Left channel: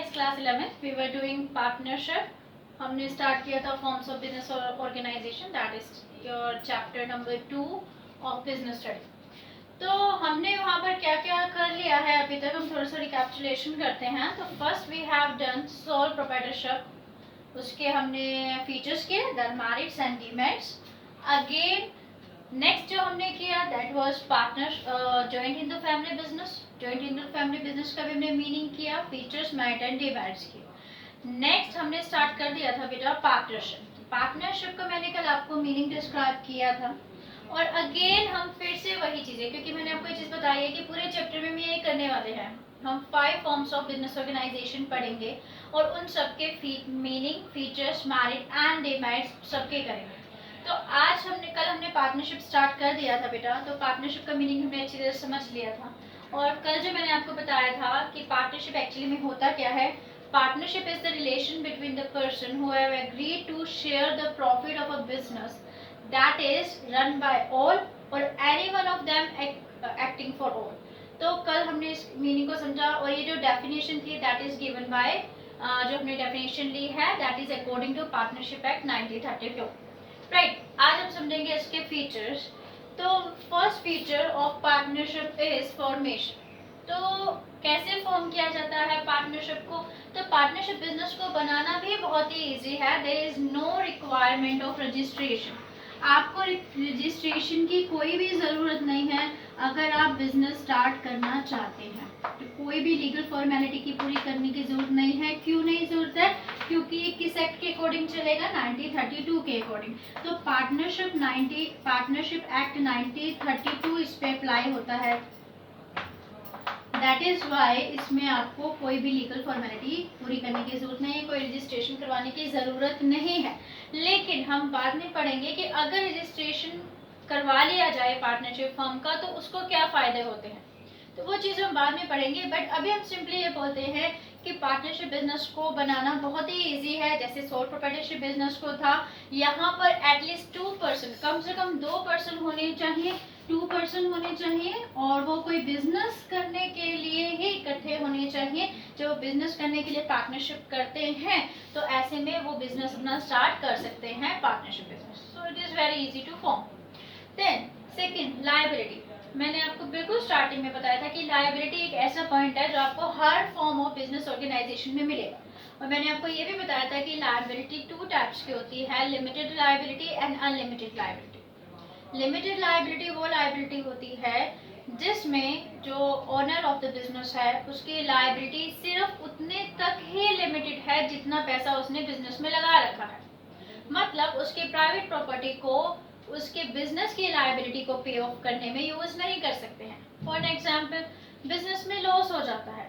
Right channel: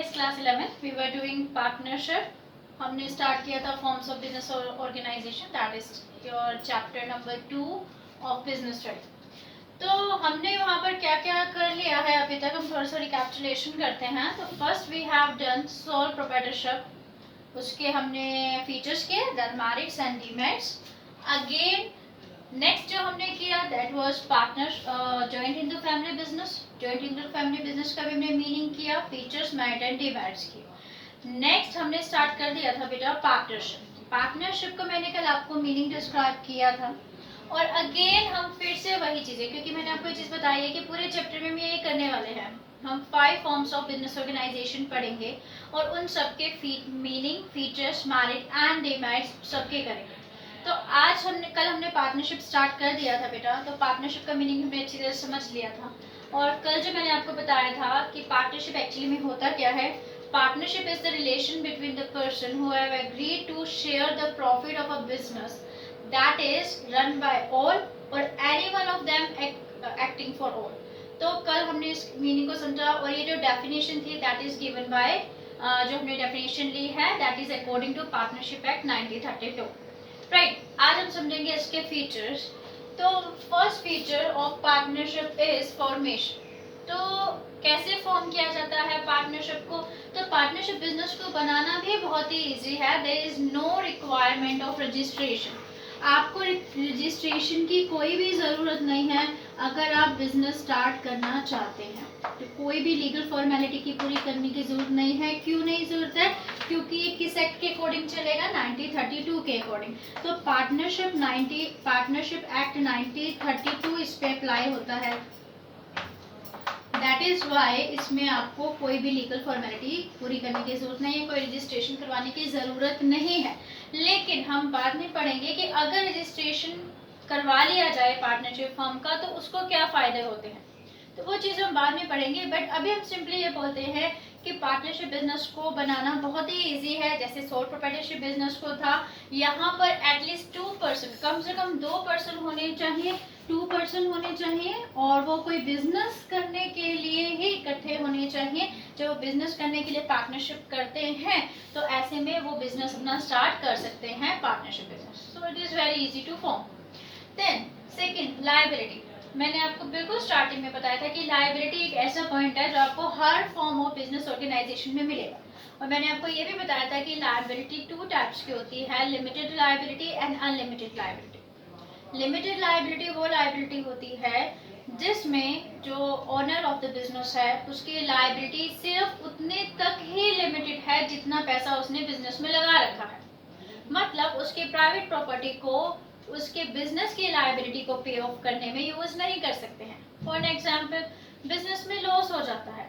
Previous class 11th we were doing partnership. हमने start किया था forms of business organisation, that is your chapter number 2 of business study. तो हमने वहाँ पर क्या क्या कर लिया है अभी तक, हम थोड़ा सा रिकैप्चुलेशन करते हैं. तो first we have done sole proprietorship, उसके हमने फीचर्स किए, then merits and demerits. Again next जो हमने किया that was partner joint in the family business. Joint in the family business का भी हमने मीनिंग किया, फीचर्स, मेरिट एंड डिमेरिट्स किए. नेक्स्ट हमने स्टार्ट कर दिया था बेटा पार्टनरशिप. पार्टनरशिप का मैंने कल आपको मीनिंग डिस्क्राइब किया था. और अगेन हम फिर से वही चीज़ें, क्योंकि मैंने आपको ये चीज़ बताई है कि पूरे चैप्टर में हम यही करने वाले हैं. हम 5 फॉर्म्स ऑफ बिजनेस ऑर्गेनाइजेशन पढ़ेंगे और उन सबके meaning, features, merit and demerits सबके करेंगे. तो आज कल हमने पार्टनरशिप स्टार्ट कर दिया था बेटा. तो पार्टनरशिप का मीनिंग हमने अच्छी तरह समझ लिया था. और कल जो मैंने आपको बताया था कि पार्टनरशिप एक्चुअली में होता क्या है. Partnership is the relation between the person who have agreed to share the profit of a business that is run by all or any one of them acting for all. तो कल हमने इस meaning को समझा. और ये जो definition थी दैट इज गिवन बाय जो हमने डेफिनेशन ली है that is according to partnership act 1932. Right, आज हम समझेंगे इसके फीचर्स. तो first feature of partnership is formation. तो कैसे फॉर्म किया जाता है पार्टनरशिप को. तो पार्टनरशिप बिजनेस को बनाना भी बहुत ही इजी है. There is no requirement of registration. आपको रजिस्ट्रेशन की कोई भी ज़रूरत नहीं है अगर आप बिजनेस स्टार्ट करना चाहते हैं. तो कोई भी लीगल फॉर्मेलिटी की पूरी करने की ज़रूरत नहीं है. क्यों नहीं ज़रूरत है? क्योंकि ये किस एक्ट के अकॉर्डिंग चलेगा, 1932 के अकॉर्डिंग. तो पार्टनरशिप एक्ट 1932 इस पे अप्लाई होता है. दैट इज वाई इसमें आपको कोई भी लीगल फॉर्मेलिटी पूरी करने की जरूरत नहीं है, कोई रजिस्ट्रेशन करवाने की ज़रूरत नहीं है. लेकिन हम बाद में पढ़ेंगे कि अगर रजिस्ट्रेशन करवा लिया जाए पार्टनरशिप फर्म का तो उसको क्या फ़ायदे होते हैं. तो वो चीज़ हम बाद में पढ़ेंगे. बट अभी हम सिंपली ये बोलते हैं कि पार्टनरशिप बिजनेस को बनाना बहुत ही इजी है. जैसे सोल प्रोप्राइटरशिप बिजनेस को था, यहाँ पर एटलीस्ट 2 पर्सन, कम से कम 2 पर्सन होने चाहिए. 2 पर्सन होने चाहिए और वो कोई बिजनेस करने के लिए ही इकट्ठे होने चाहिए. जो बिजनेस करने के लिए पार्टनरशिप करते हैं तो ऐसे में वो बिजनेस अपना स्टार्ट कर सकते हैं partnership business. So it is very easy to form. Then second, liability. मैंने आपको बिल्कुल स्टार्टिंग में बताया था कि लायबिलिटी एक ऐसा पॉइंट है जो आपको हर फॉर्म ऑफ बिजनेस ऑर्गेनाइजेशन में मिलेगा. और मैंने आपको ये भी बताया था कि लायबिलिटी 2 टाइप्स की होती है, limited liability and unlimited liability. Limited liability वो लायबिलिटी होती है जिसमें जो ओनर ऑफ द बिजनेस है उसकी लायबिलिटी सिर्फ उतने तक ही लिमिटेड है जितना पैसा उसने बिजनेस में लगा रखा है. मतलब उसके प्राइवेट प्रॉपर्टी को उसके बिजनेस की लायबिलिटी को पे ऑफ करने में यूज नहीं कर सकते हैं. फॉर एग्जाम्पल, बिजनेस में लॉस हो जाता है.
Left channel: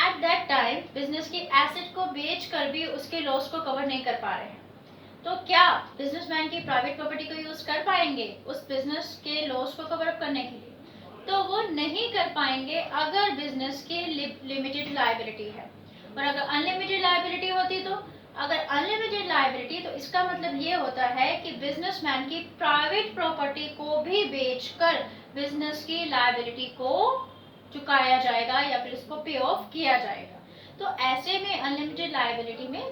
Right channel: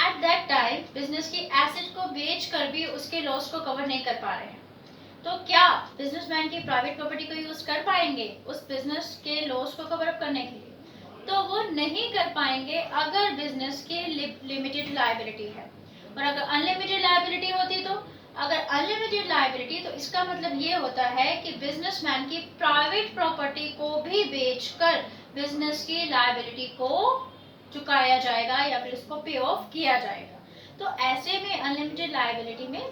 एट दैट टाइम बिजनेस की एसेट को बेच कर भी उसके लॉस को कवर नहीं कर पा रहे हैं. तो क्या बिजनेसमैन की प्राइवेट प्रॉपर्टी को यूज कर पाएंगे उस बिजनेस के लॉस को कवर अप करने के लिए? तो वो नहीं कर पाएंगे अगर बिजनेस की लिमिटेड लायबिलिटी है. और अगर अनलिमिटेड लायबिलिटी होती तो अगर अनलिमिटेड लायबिलिटी तो इसका मतलब ये होता है कि बिजनेसमैन की प्राइवेट प्रॉपर्टी को भी बेचकर बिजनेस की लायबिलिटी को चुकाया जाएगा या फिर उसको पे ऑफ किया जाएगा. तो ऐसे में अनलिमिटेड लायबिलिटी में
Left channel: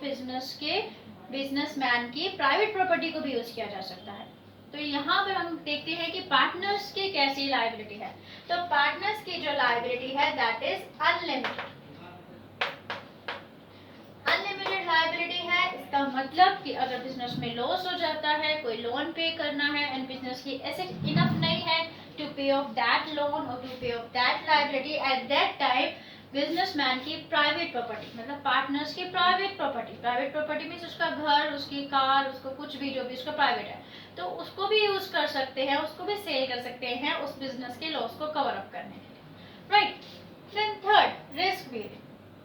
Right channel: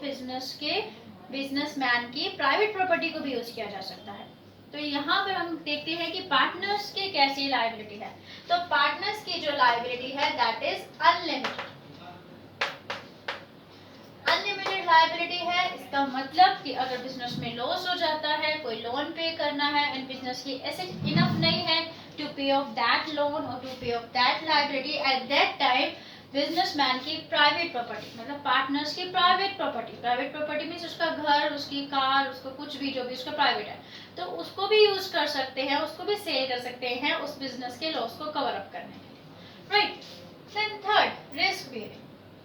बिजनेसमैन की प्राइवेट प्रॉपर्टी को भी यूज किया जा सकता है. तो यहाँ पर हम देखते हैं कि पार्टनर्स की कैसी लायबिलिटी है. तो पार्टनर्स की जो लायबिलिटी है that is unlimited. Unlimited liability है. इसका मतलब कि अगर बिजनेस में लॉस हो जाता है, कोई लोन पे करना है एंड बिजनेस की एसेट इनफ नहीं है to pay off that loan और to pay off that liability, eight that time businessman की प्राइवेट प्रॉपर्टी, मतलब पार्टनर्स की प्राइवेट प्रॉपर्टी मीन्स उसका घर, उसकी कार, उसको कुछ भी जो भी उसका प्राइवेट है तो उसको भी यूज कर सकते हैं, उसको भी सेल कर सकते हैं उस बिजनेस के लॉस को कवर अप करने के लिए. Right. Then third, risk bearing.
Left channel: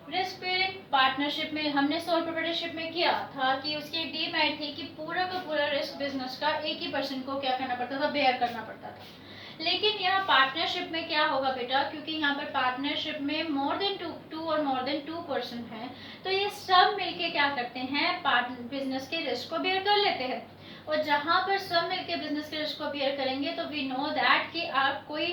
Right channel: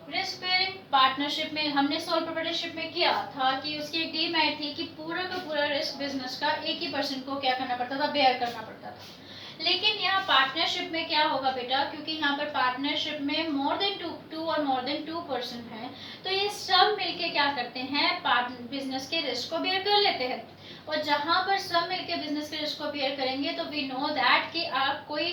Risk bearing partnership में हमने सोल प्रोप्राइटरशिप में किया था कि उसकी एक डीमेरिट थी कि पूरा का पूरा रिस्क बिजनेस का एक ही पर्सन को क्या करना पड़ता था, बेयर करना पड़ता था. लेकिन यहाँ पार्टनरशिप में क्या होगा बेटा, क्योंकि यहाँ पर पार्टनरशिप में मोर देन टू और मोर देन 2 पर्सन है तो ये सब मिलके क्या करते हैं, बिजनेस के रिस्क को बेयर कर लेते हैं. और जहाँ पर सब मिलके बिजनेस के रिस्क को बेयर करेंगे तो वी नो दैट कि आप कोई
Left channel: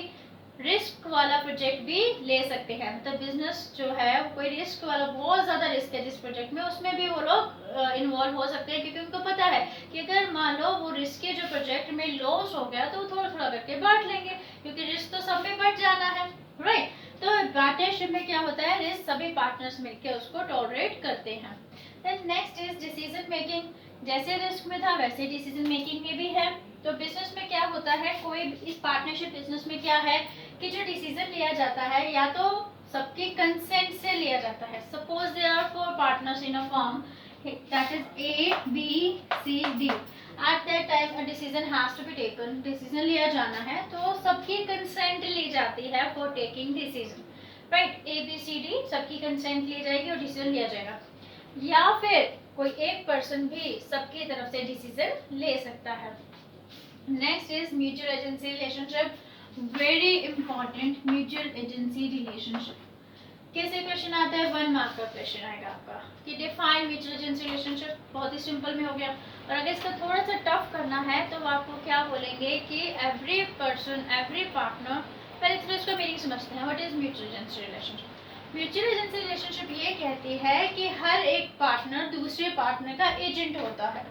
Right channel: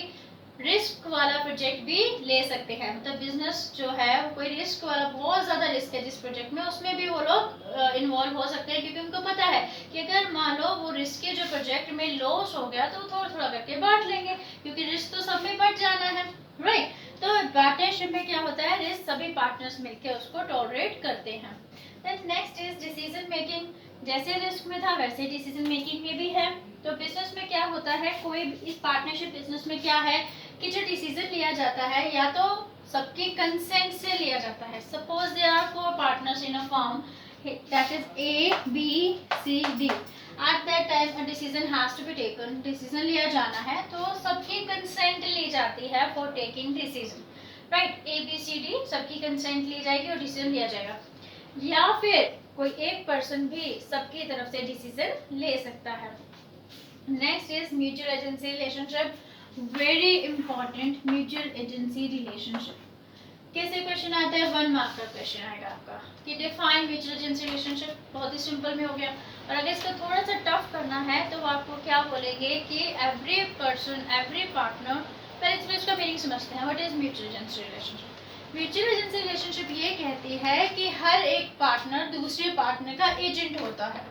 रिस्क वाला प्रोजेक्ट भी ले सकते हैं। मतलब बिजनेस जो है वो कोई रिस्क वाला, बहुत ज़्यादा रिस्क है जिस प्रोजेक्ट में, उसमें भी वो लोग इन्वॉल्व हो सकते हैं, क्योंकि उनको पता है कि अगर मान लो वो रिस्क के जो प्रोजेक्ट में लॉस हो गया तो वो थोड़ा थोड़ा करके बांट लेंगे, क्योंकि रिस्क तो सब में बढ़ जाना है, राइट। तो पार्टनरशिप में क्या होता है, रिस्क सभी पार्टनर्स मिलकर उसको टॉलरेट करते हैं। Then next is decision making. जैसे रिस्क में था वैसे डिसीजन मेकिंग में भी है। तो बिजनेस में क्या होता है, कोई इस पार्टनरशिप बिजनेस में क्या है कि जो डिसीजन लिया जाता है या तो सबके कंसेंट से लिया जाता है। Suppose there are 4 partners in a firm, that is A B C D. At that time a decision has to be taken, decision लिया जाना है तो सबकी कंसेंट ली जाती है for taking decision, right. A B C D सबकी consent ली जाएगी और डिसीजन लिया जाएगा। या फिर कोई एक पर्सन भी सबकी तरफ से डिसीजन ले सकता है। Next is mutual agency relationship, very important mutual agency relationship. कैसे क्वेश्चन आता है, 1 मार्क का क्वेश्चन आएगा आपका कि डिफाइन म्यूचुअल एजेंसी रिलेशनशिप। बहुत ही सिंपल में हो गया। और अगर इसका थोड़ा सा टफ करना है तो आपको क्या बोलेंगे कि एवरी पर्सन, एवरी पार्टनर, पहले तो इसका मीनिंग समझते हैं। What is mutual agency relationship? Mutual agency relationship ये कहती है कि हर एक पार्टनर दूसरे पार्टनर का एजेंट होता है।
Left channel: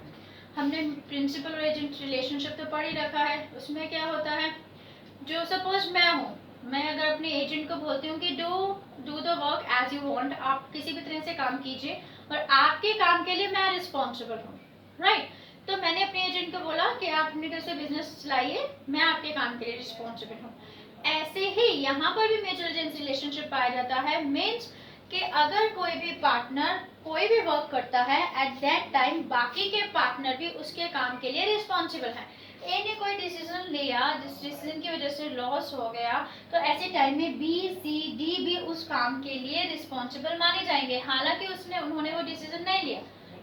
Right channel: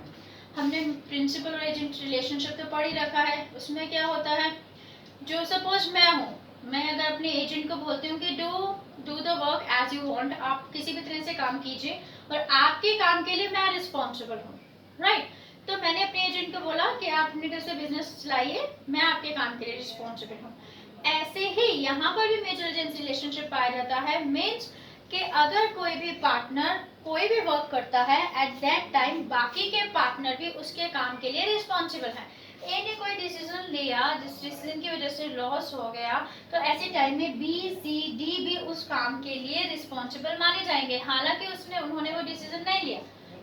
हमने प्रिंसिपल और एजेंट रिलेशनशिप तो पढ़ ही रखा है। उसमें क्या होता है, जो सपोज मैं हूँ, मैं अगर अपने एजेंट को बोलती हूँ कि do the work as you want, आप किसी भी तरह से काम कीजिए और आपके काम के लिए मैं रिस्पॉन्सिबल हूँ, राइट। तो मैंने अपने एजेंट को बोला कि आप अपने घर से बिजनेस चलाइए, मैं आपके काम के लिए रिस्पॉन्सिबल हूँ। ऐसे ही यहाँ पर भी म्यूचुअल एजेंसी रिलेशनशिप पाया जाता है। मीन्स कि अगर कोई भी पार्टनर कोई भी वर्क करता है, एट दैट टाइम बाकी के पार्टनर भी उसके काम के लिए रिस्पॉन्सिबल है। ए ने कोई डिसीजन लिया जिस डिसीजन की वजह से लॉस हो गया, तो ऐसे टाइम में बी सी डी भी उस काम के लिए रिस्पॉन्सिबल माने जाएंगे, हालांकि उन्होंने वो डिसीजन नहीं लिया।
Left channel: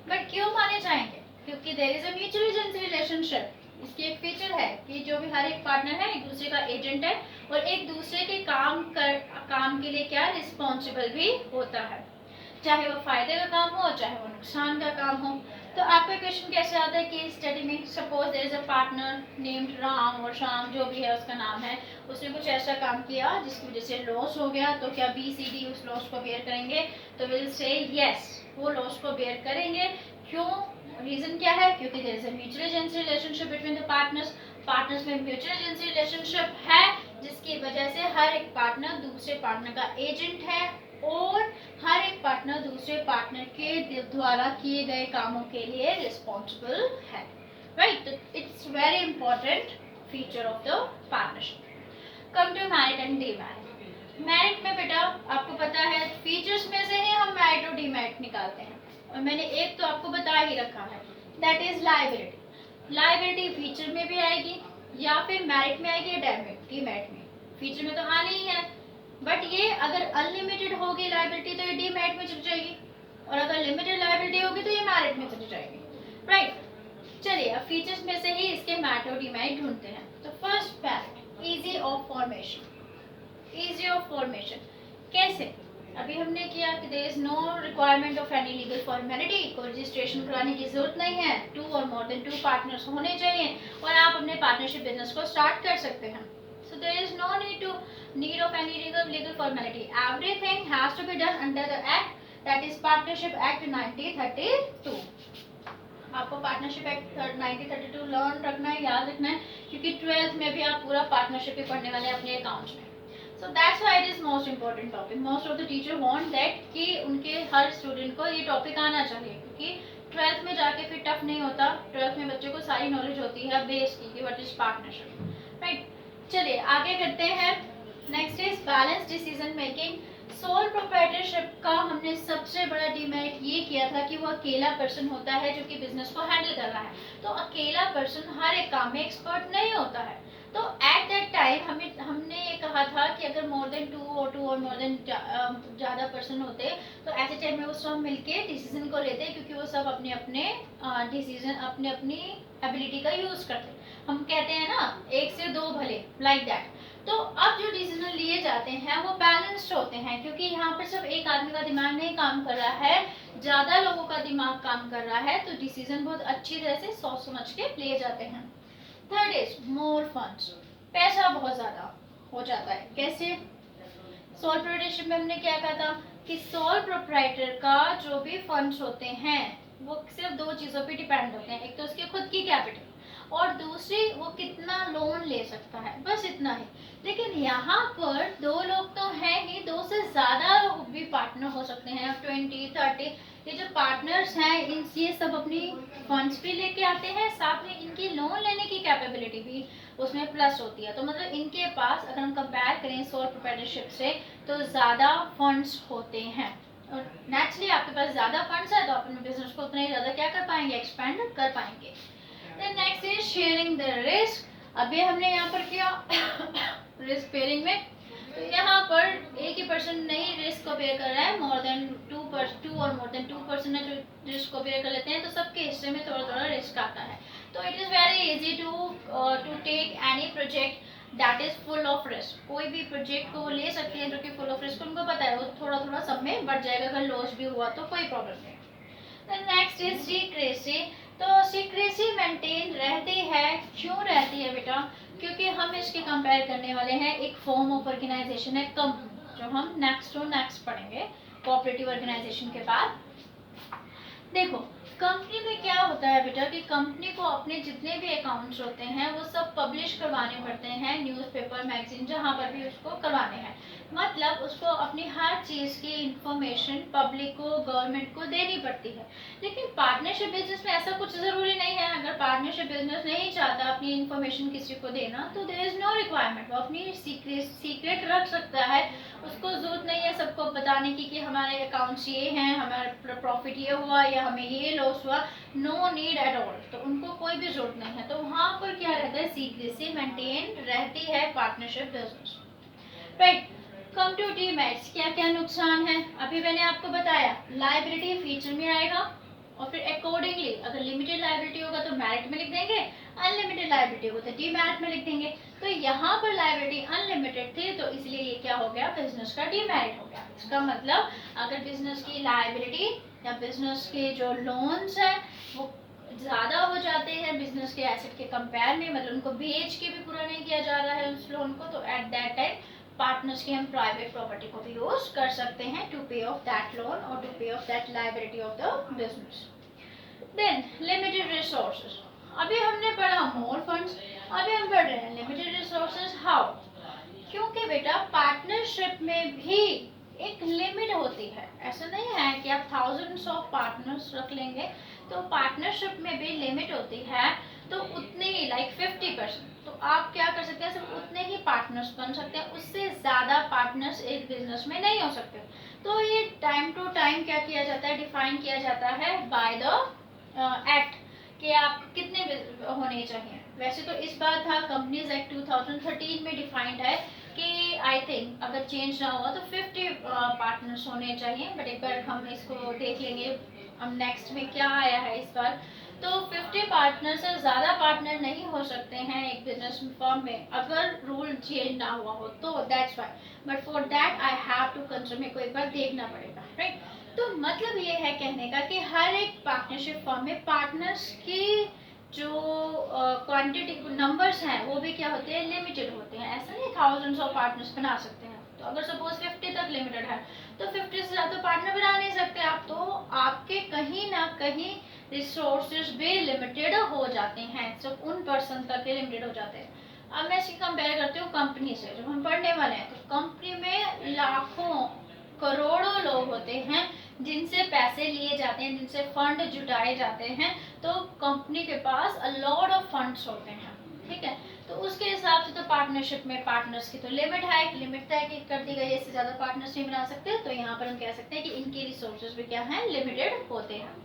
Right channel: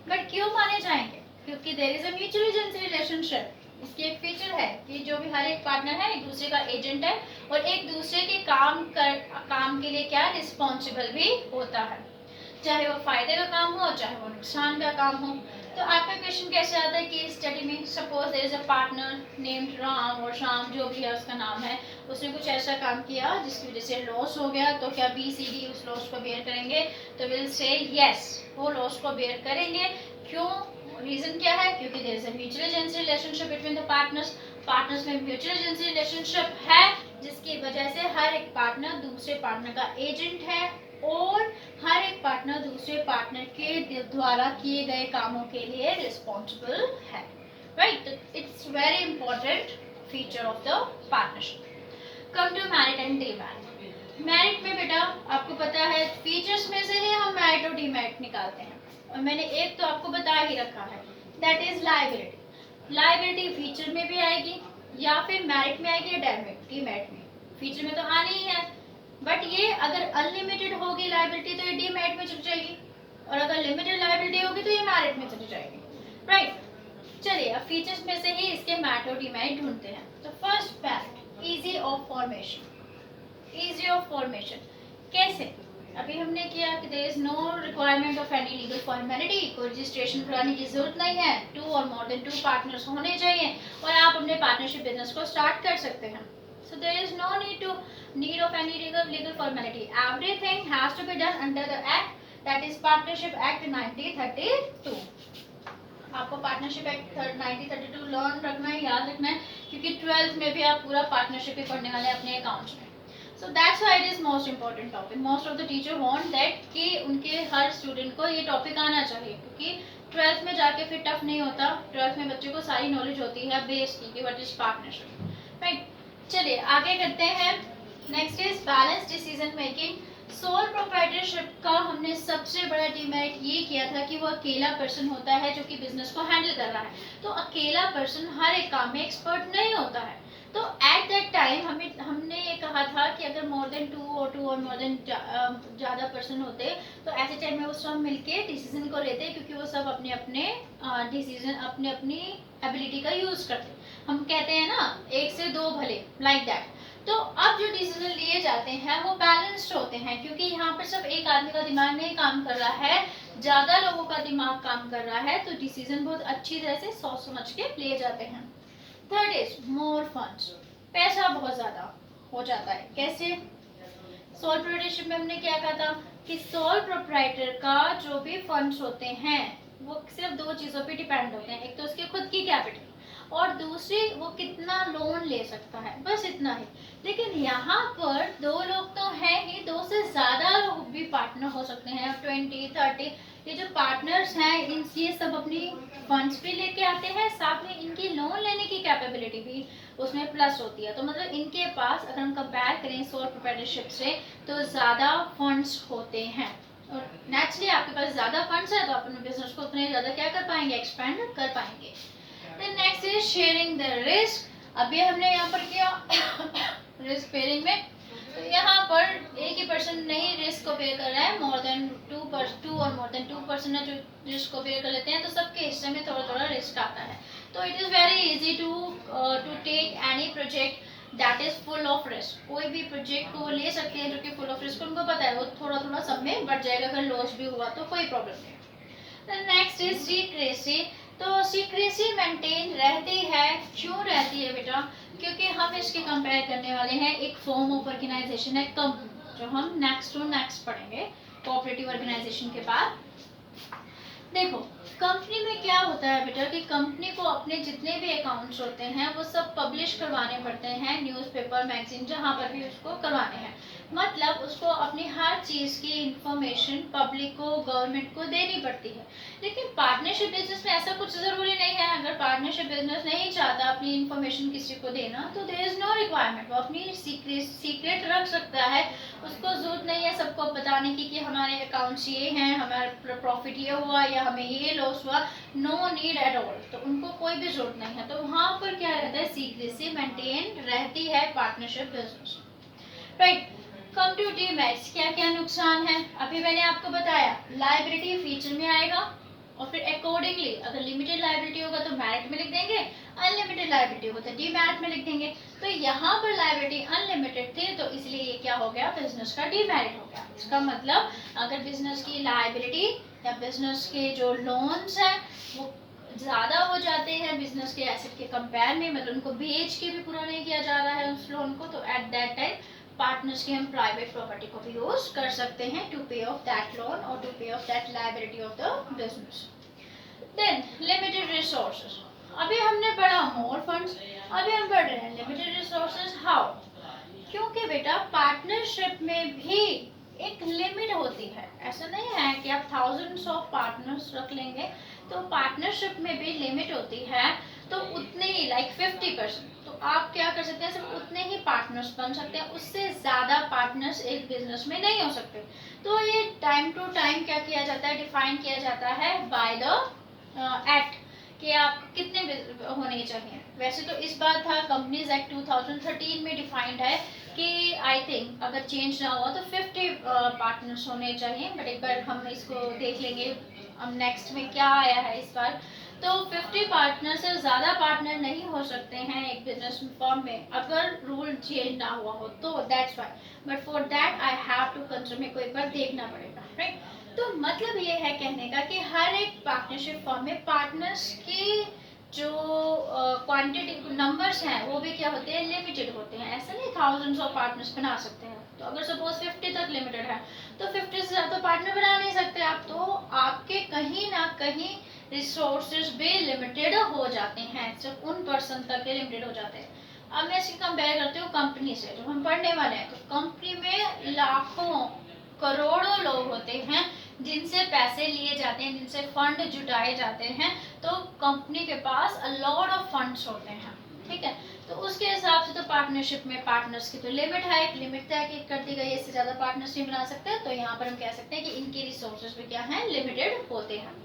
बट क्यों माने जाएंगे? क्योंकि there is a mutual agency relationship. इसकी एक फीचर है कि जो भी हर एक पार्टनर है एक दूसरे का एजेंट है और एक दूसरे के काम के लिए क्या रिस्पॉन्सिबल भी होता है, चाहे वो फायदे का काम हो चाहे वो नुकसान का काम हो। तो आपका क्वेश्चन कैसे आता है केस स्टडी में, suppose there is a partner named Ram और श्याम, जो भी है उसका नाम है, उसने कुछ ऐसा काम किया जिसकी वजह से लॉस हो गया, तो क्या बी सी डी उस लॉस को बेयर करेंगे? तो विल से यस, वो लॉस को बेयर करेंगे। क्यों? रीजन क्या है? क्योंकि there is a mutual agency relationship between the partners. Partners में म्यूचुअल एजेंसी रिलेशनशिप है, जिसकी वजह से हर एक पार्टनर दूसरे पार्टनर का एजेंट है और हर एक पार्टनर दूसरे पार्टनर के द्वारा किए गए कामों के लिए रिस्पॉन्सिबल है, right. It's very important feature of the partnership. Come to merit and demerit. Merit में बेटा आपको पता है फीचर्स में से ही हम मैरिट और डीमैरिट निकालते हैं, और मैंने एक तो आपको बता ही रखा है, that is liability. Liability feature में भी आएगी या फिर मैरिट में आएगी या डीमैरिट में। फीचर में तो आनी ही है, बट ये अगर अनलिमिटेड होगी लायबिलिटी तो ये डीमैरिट में चली जाएगी, और अगर लिमिटेड लायबिलिटी होगी तो ये मैरिट में चली जाएगी, राइट। चलिए अब फीचर्स में से ही इसके मैरिट और डीमैरिट ढूंढते हैं। तो first merit, easy of formation. Easy of formation कैसे? अभी हमने किया कि there is no requirement of any legal formality, कोई रजिस्ट्रेशन कराने की जरूरत नहीं है, 2 और मोर देन 2 पार्टनर्स होने चाहिए और आप अपने पार्टनरशिप बिजनेस को स्टार्ट कर सकते हैं। So there is no need of any legal formality. Everything has to be done under the act, that is Partnership Act 1932. आपको पार्टनरशिप एक्ट 1932 लर्न रखना है, याद रखना है, क्योंकि 12th में भी आप पूरा पार्टनरशिप ही पढ़ने वाले हैं अपने अकाउंट्स में। So that's why it is most important topic. Most of the teacher want that कि उनके हर स्टूडेंट को ये टॉपिक आना चाहिए, क्योंकि 12th में जाके फिर टफ नहीं होता। 12th में बच्चे को सारी नॉलेज होती है बेस की कि व्हाट इज पार्टनरशिप, राइट। चलिए आगे करते हैं। Next is balance decision making. Sole proprietorship का हमने सबसे बड़ा डिमेरिट ये किया था कि वो अकेला पर्सन होता है जो कि बिजनेस को हैंडल कर रहा है। तो अकेला पर्सन हर एक काम में एक्सपर्ट नहीं होता है। तो एट दैट टाइम हमने ये कहा था कि अगर मोर देन 2 और मोर देन ज़्यादा पर्सन होते तो ऐसे टाइम में वो सब मिलके डिसीजन को लेते, क्योंकि वो सब अपने अपने डिसीजन अपने अपनी एबिलिटी का यूज़ करते। हम कहते हैं ना 1 से 2 भले, लाइक दैट। तो अब जो डिसीजन लिए जाते हैं वो बैलेंस्ड होते हैं, क्योंकि यहाँ पर सिर्फ एक आदमी का दिमाग नहीं काम कर रहा है, ज़्यादा लोगों का दिमाग काम कर रहा है, तो डिसीजन बहुत अच्छी तरह से सोच समझ के लिए जाते हैं। थर्ड इज मोर फंड्स, पैसा बहुत ज़्यादा। हो जाता है। कैसे? सोल प्रोप्राइटरशिप में हमने क्या कहा था कि सोल प्रोप्राइटर का जो भी फंड्स होते हैं वो सिर्फ दो चीज़ों पे डिपेंड होते हैं, एक तो उसकी खुद की कैपिटल और दूसरी वो कितना लोन ले सकता है, बस इतना ही। लेकिन यहाँ पर दो लोग तो हैं ही, दो से ज़्यादा भी पार्टनर हो सकते हैं, 20-30। ये जो पार्टनर्स हैं ये सब अपनी फंड्स भी लेके आते हैं, साथ में इनकी लोन लेने की कैपेबिलिटी भी उसमें प्लस होती है। तो मतलब इनके पास अगर हम कंपेयर करें सोल प्रोप्राइटरशिप से तो ज़्यादा फंड्स होते हैं और नेचुरली आपके पास ज़्यादा फंड्स है तो आप अपने बिजनेस को उतना ही ज़्यादा क्या कर पाएंगे, एक्सपेंड कर पाएंगे। Then next is sharing the risk. अभी हमने यहाँ पर किया रिस्क पेयरिंग में, तो यहाँ पर एक ही पर्सन नहीं रिस्क को बेयर कर रहा है, मोर देन टू और मोर देन 2% है जो रिस्क को बेयर कर लेते हैं, तो सबके हिस्से में थोड़ा थोड़ा रिस्क आता है। तो it is very easy to take any project that is full of risk. कोई भी प्रोजेक्ट को वो ले सकते हैं जो कि फुल ऑफ रिस्क, उनको पता है वो थोड़ा थोड़ा सब में बढ़ जाएगा, अगर लॉस भी हुआ तो कोई प्रॉब्लम नहीं। Next is secrecy. तो सीक्रेसी मेंटेन रहती है, क्यों रहती है बेटा? क्योंकि हम इसके कंपेयर करने वाले हैं एक फॉर्म ऑफ ऑर्गेनाइजेशन है कंपनी, जो हम नेक्स्ट टू नेक्स्ट पढ़ेंगे कोऑपरेटिव ऑर्गेनाइजेशन के बाद। देखो कंपनी में क्या होता है बेटा कि कंपनी को अपने जितने भी अकाउंट्स होते हैं वो सब पब्लिश करवाने पड़ते हैं, न्यूज़पेपर मैगजीन जहाँ पर भी उसको करवाने हैं। मतलब उसको अपनी हर चीज़ की इंफॉर्मेशन पब्लिक को, गवर्नमेंट को देनी पड़ती है। लेकिन पार्टनरशिप बिजनेस में ऐसा कुछ ज़रूरी नहीं है। अगर पार्टनरशिप बिजनेस नहीं चाहता अपनी इंफॉर्मेशन किसी को देना तो देयर इज़ नो रिक्वायरमेंट, वो अपनी सीक्रेट रख सकता है। उसको ज़रूरत नहीं है सबको बताने की कि हमारे अकाउंट्स ये हैं, हमारा प्रॉफिट ये हुआ या हमें ये लॉस हुआ, नो नीड एट ऑल। तो उनको कोई भी जरूरत नहीं है। तो वहाँ पर क्या रहता है, सीक्रेसी मेंटेन रहती है partnership business, right. Come to demerits, क्या क्या नुकसान है? अभी मैंने आपको बताया लायबिलिटी फीचर में आएगा और फिर अकॉर्डिंगली अगर लिमिटेड लायबिलिटी होगा तो मेरिट में लिख देंगे, अनलिमिटेड लायबिलिटी होगा तो डीमेरिट में लिख देंगे। तो यहाँ पर लायबिलिटी अनलिमिटेड थी तो इसलिए ये क्या हो गया, बिजनेस का डीमेरिट हो गया। इसका मतलब अगर बिजनेस की लायबिलिटी या बिजनेस के जो लोन्स हैं वो ज़्यादा हो जाते हैं बिजनेस के एसेट के कंपेयर में, मतलब उनको बेच के भी पूरा नहीं किया जा रहा है उस लोन को, तो एट दैट टाइम पार्टनर्स की हम प्राइवेट प्रॉपर्टी को भी यूज कर सकते हैं to pay off that loan और to pay off that liability of the business. Then limited resources, अभी हमने पढ़ा मोर फंड्स, अभी हम पढ़ रहे हैं लिमिटेड रिसोर्सेज। हाउ? क्योंकि बेटा पार्टनरशिप में भी एक लिमिट होती है। ऐसा नहीं है कि आप थाउजेंड्स ऑफ पार्टनर्स रख लेंगे, तो पार्टनरशिप में भी लिमिट होती है। तो उतने ही लाइक 50%, तो आप क्या कर सकते हैं, सिर्फ उतने ही पार्टनर्स बन सकते हैं, उससे ज़्यादा पार्टनर्स एक बिजनेस में नहीं हो सकते। तो ये टाइम टू टाइम क्या किया जाता है, डिफाइन किया जाता है बाय द एक्ट कि आप कितने होने चाहिए। वैसे तो इस बार था कंपनीज एक्ट 2013 में डिफाइंड है कि आई थिंक अगर चेंज ना हुआ तो 50 पार्टनर्स होने चाहिए, बट एक बार हम इसको देख लेंगे हम नेक्स्ट में क्या आया है इस बार। तो 50 पार्टनर से ज़्यादा पार्टनर नहीं हो सकते हैं एक बिजनेस फर्म में अगर रूल चेंज ना हुआ हो, तो that's why. But for that I have to consider, मेरे को एक बार देखना पड़ेगा, राइट। तो मतलब ये है कहने का कि हर एक पार्टनरशिप फर्म में पार्टनर्स की जो क्वांटिटी नंबर्स हैं वो भी क्या होते हैं, लिमिटेड होते हैं। ऐसा नहीं थाउजेंड्स ऑफ पार्टनर्स बना सकते हैं। तो अगर सपोज 50 तक लिमिटेड है तो 50 से ज़्यादा पार्टनर बना नहीं सकते आप, तो आपके कहीं ना कहीं रिसोर्सेज भी लिमिटेड हो जाते हैं, सिर्फ उन पर्सन तक के लिमिटेड हो जाते हैं। अब मैं इसकी कंपेयर करती हूँ कंपनी से, जब हम पढ़ने वाले हैं तो कंपनी में लाखों करोड़ों लोग होते हैं जिनसे पैसे लिए जाते हैं, जिनसे फंड जुटाए जाते हैं। तो कंपनी के पास अ लॉट ऑफ फंड्स होते हैं, ठीक है। तो उसके हिसाब से तो पार्टनरशिप में पार्टनर्स की तो लिमिट है, एक लिमिट तय कर दी गई है, इससे ज़्यादा पार्टनर्स नहीं बना सकते। तो यहाँ पर हम कह सकते हैं कि इनके रिसोर्सेज भी क्या हैं, लिमिटेड होते हैं।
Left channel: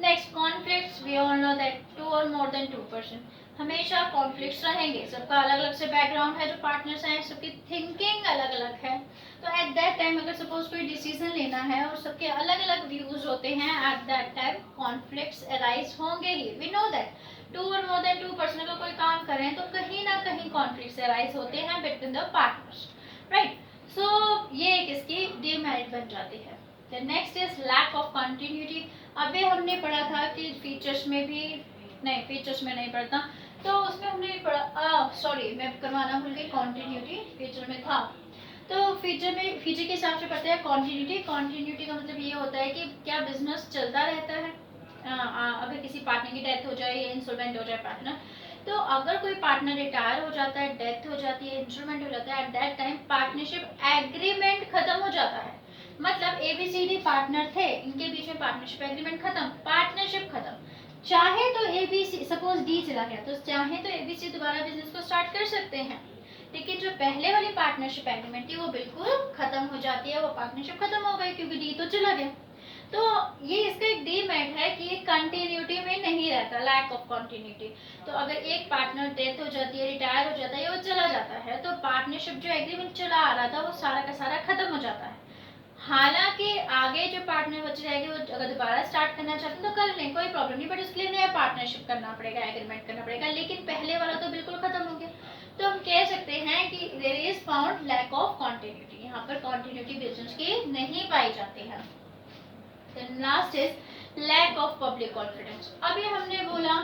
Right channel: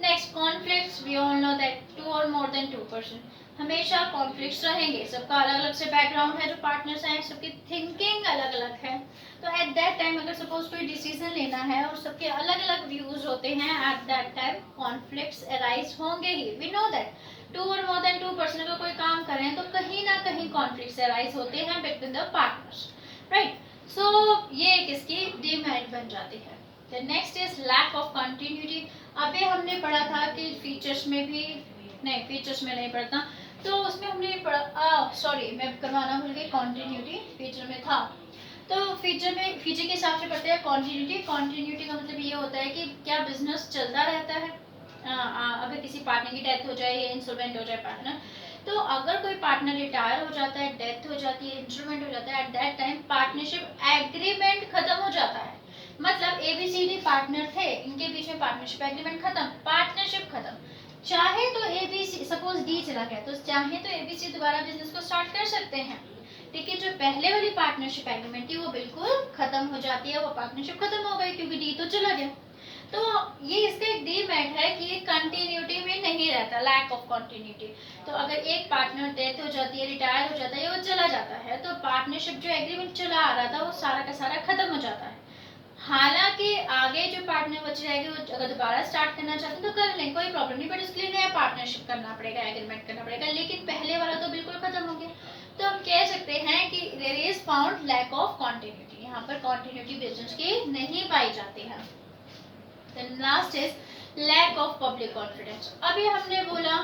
Next conflicts, we all know that 2 और मोर देन 2%, हमेशा कॉन्फ्लिक्ट्स रहेंगे। सबका अलग अलग से बैकग्राउंड है, जो पार्टनर्स हैं सबकी थिंकिंग अलग अलग है। तो एट दैट टाइम अगर सपोज कोई डिसीजन लेना है और सबके अलग अलग व्यूज होते हैं, eight that time conflicts arise होंगे ही। वी नो दैट 2 और मोर देन 2% अगर कोई काम करें तो कहीं ना कहीं कॉन्फ्लिक्ट्स अराइज होते हैं between the partners, right. So ये एक इसकी डीमेरिट बन जाती है। The next is lack of continuity. अभी हमने पढ़ा था कि फीचर्स में भी नहीं, फीचर्स में नहीं पढ़ता, तो उसमें हमने पढ़ा, सॉरी मैं करवाना भूल गई, कॉन्टिन्यूटी फीचर में था। तो फीचर के हिसाब से पढ़ते हैं कॉन्टिन्यूटी। कॉन्टिन्यूटी का मतलब ये होता है कि क्या बिजनेस चलता रहता है अगर किसी पार्टनर की डेथ हो जाए या इंसॉल्वेंट हो जाए पार्टनर, तो अगर कोई पार्टनर रिटायर हो जाता है, डेथ हो जाती है, इंस्ट्रूमेंट हो जाता है, eight that time partnership agreement खत्म हो जाता है। मतलब ABCD पार्टनर थे, इनके बीच में पार्टनरशिप एग्रीमेंट खत्म, पार्टनरशिप खत्म। चाहे तो ABC, सपोज D चला गया, तो चाहे तो ABC दोबारा बिजनेस को स्टार्ट कर सकते हैं, लेकिन जो पहले वाली पार्टनरशिप एग्रीमेंट थी वो बिल्कुल खत्म हो जाती है, वो पार्टनरशिप खत्म हो गई क्योंकि D तो चला गया। तो ये इसका एक डीमेरिट है कि ये कंटिन्यूटी में नहीं रहता, लैक ऑफ कंटिन्यूटी। तो अगर एक पार्टनर डेथ हो जाती है, रिटायर हो जाता है या वो चला जाता है, तो पार्टनरशिप जो एग्रीमेंट चला आ रहा था वो सारा का सारा खत्म हो जाता है। हालांकि आगे जो पार्टनर बच जाएगी वो अगर दोबारा स्टार्ट करना चाहते हैं तो कर लें, कोई प्रॉब्लम नहीं, बट उसके लिए नया पार्टनरशिप करना पड़ेगा, एग्रीमेंट करना पड़ेगा, लेकिन पहले वाला तो बिल्कुल खत्म हो गया। तो हम कह सकते हैं कि there is found lack of continuity, यहाँ पर कंटिन्यूटी बिजनेस की नहीं पाई जाती है। Then last is lack of public confidence. अभी हमने बोला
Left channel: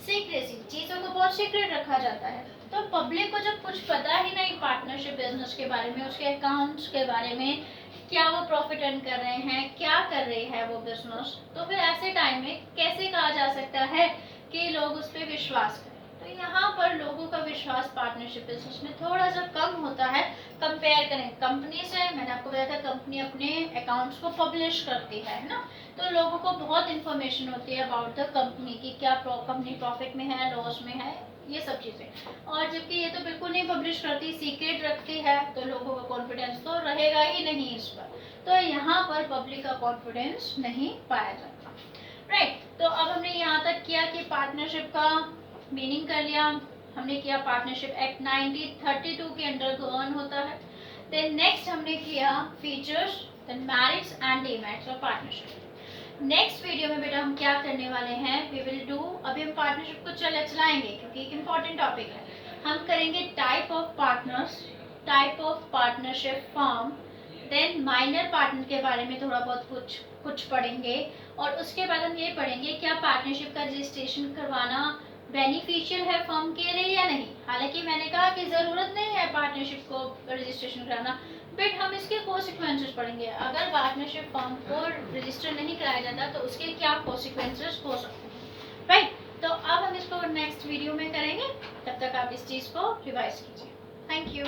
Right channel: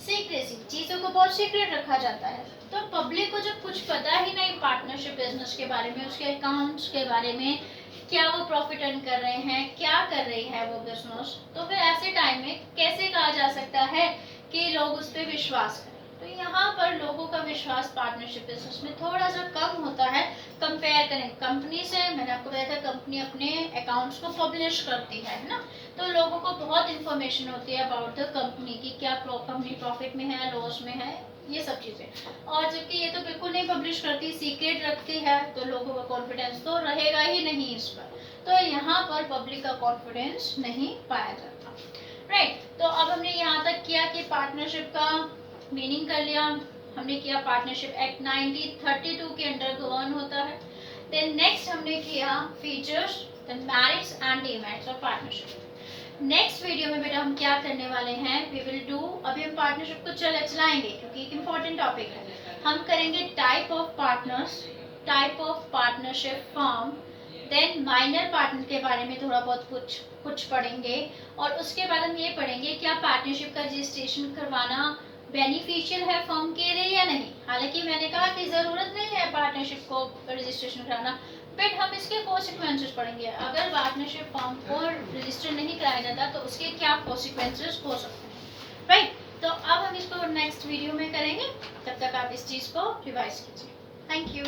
सीक्रेसी, चीजों को बहुत सीक्रेट रखा जाता है, तो पब्लिक को जब कुछ पता ही नहीं पार्टनरशिप बिजनेस के बारे में, उसके अकाउंट्स के बारे में, क्या वो प्रॉफिट अर्न कर रहे हैं, क्या कर रही है वो बिजनेस, तो फिर ऐसे टाइम में कैसे कहा जा सकता है कि लोग उस पर विश्वास करें। तो यहाँ पर लोगों का विश्वास पार्टनरशिप बिजनेस में थोड़ा सा कम होता है कंपेयर करें कंपनी से। मैंने आपको बताया था कंपनी अपने अकाउंट्स को पब्लिश करती है ना, तो लोगों को बहुत इंफॉर्मेशन होती है अबाउट द कंपनी की, क्या कंपनी प्रॉफिट में है, लॉस में है, ये सब चीज़ें। और जबकि ये तो बिल्कुल नहीं पब्लिश करती, सीक्रेट रखती है, तो लोगों का कॉन्फिडेंस तो रहेगा ही नहीं इस पर। तो यहाँ पर पब्लिक का कॉन्फिडेंस नहीं पाया जाता, राइट। तो अब हमने यहाँ तक किया कि पार्टनरशिप का मीनिंग कर लिया, हमने किया पार्टनरशिप एक्ट 1932 के अंडर गवर्न होता है। देन नेक्स्ट हमने किया features, then merits and demerits of partnership. Next video में बेटा हम क्या करने वाले हैं, वी विल डू, अभी हम पार्टनरशिप को चलाएंगे क्योंकि एक इम्पॉर्टेंट टॉपिक है। हम करेंगे type of partners, type of partnership form, then minor partner के बारे में थोड़ा बहुत कुछ पढ़ेंगे, और उसके बाद हम ये पढ़ेंगे क्या पार्टनरशिप का रजिस्ट्रेशन करवाना बेनिफिशियल है फर्म के लिए या नहीं। हालांकि मैंने कहा कि ज़रूरत नहीं है पार्टनरशिप को रजिस्ट्रेशन कराना, बट हम इसके कॉन्सिक्वेंसेस पढ़ेंगे। अगर पार्टनरशिप फर्म को रजिस्टर नहीं कराया जाता तो उसके क्या कॉन्सिक्वेंसेस हो सकते हैं, राइट। तो अब हम इसको नेक्स्ट वीडियो में करेंगे, तब तक आप इस चीज़ को रिवाइज कीजिए। Thank you.